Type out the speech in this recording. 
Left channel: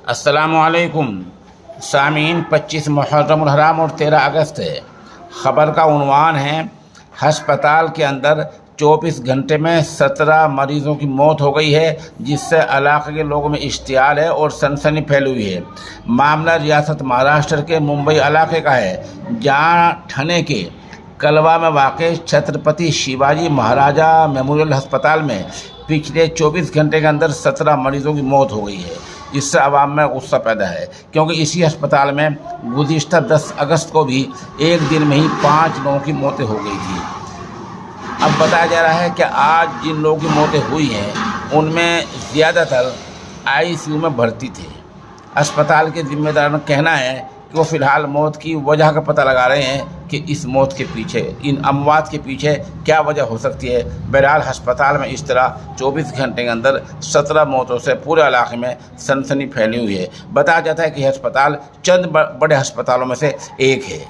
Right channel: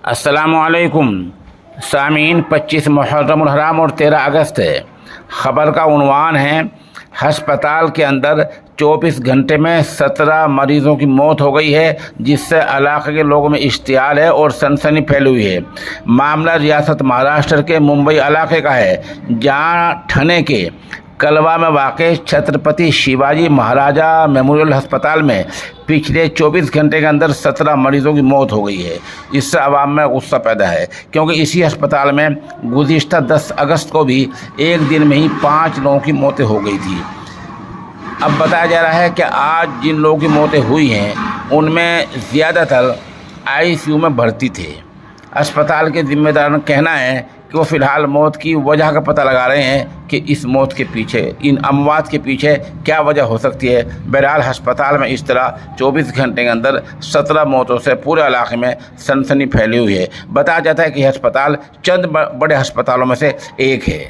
अस्सलामुअलैकुम सामीन। 25 मुहर्रम हराम और 13 अगस्त है। ख़बर का उन्वान है, हस्पताल के अंदर 24 घंटे में 17 मरीज़ों की मौत हो गई है, जिससे इलाके के लोगों में इश्तियाल है और सनसनी फैली हुई है। मामला रियासत महाराष्ट्र के मुंबई इलाके का है, जहां ठने के कलवा में वाक़ छत्रपति शिवाजी महाराजा मेमोरियल अस्पताल में पिछले 24 घंटे के अंदर 17 मरीज़ों की मौत हो गई है। इससे आवाम में गुस्सा पैदा है, क्योंकि इसी अस्पताल में गुज़िश्ता 10 अगस्त को भी एक दिन में ही 5 लोगों की मौतें हो गई थी। अब बताया जा रहा है कि आज जिन लोगों की मौतें हुई हैं, उनमें ज़्यादातर आईसीयू में भर्ती थे। अस्पताल के ज़िम्मेदारों का कहना है कि वो फ़िलहाल मौत की वजह का पता लगा रहे हैं कि इस मौत के पीछे, इन अमवात के पीछे क्या वजह हो सकती है। बहरहाल अस्पताल में इस तरह 24 घंटे के अंदर 17 मौतों से पूरे इलाके में सनसनी फैली हुई है। बताया जाता है कि अस्पताल चंद बड़े अस्पतालों में से एक है।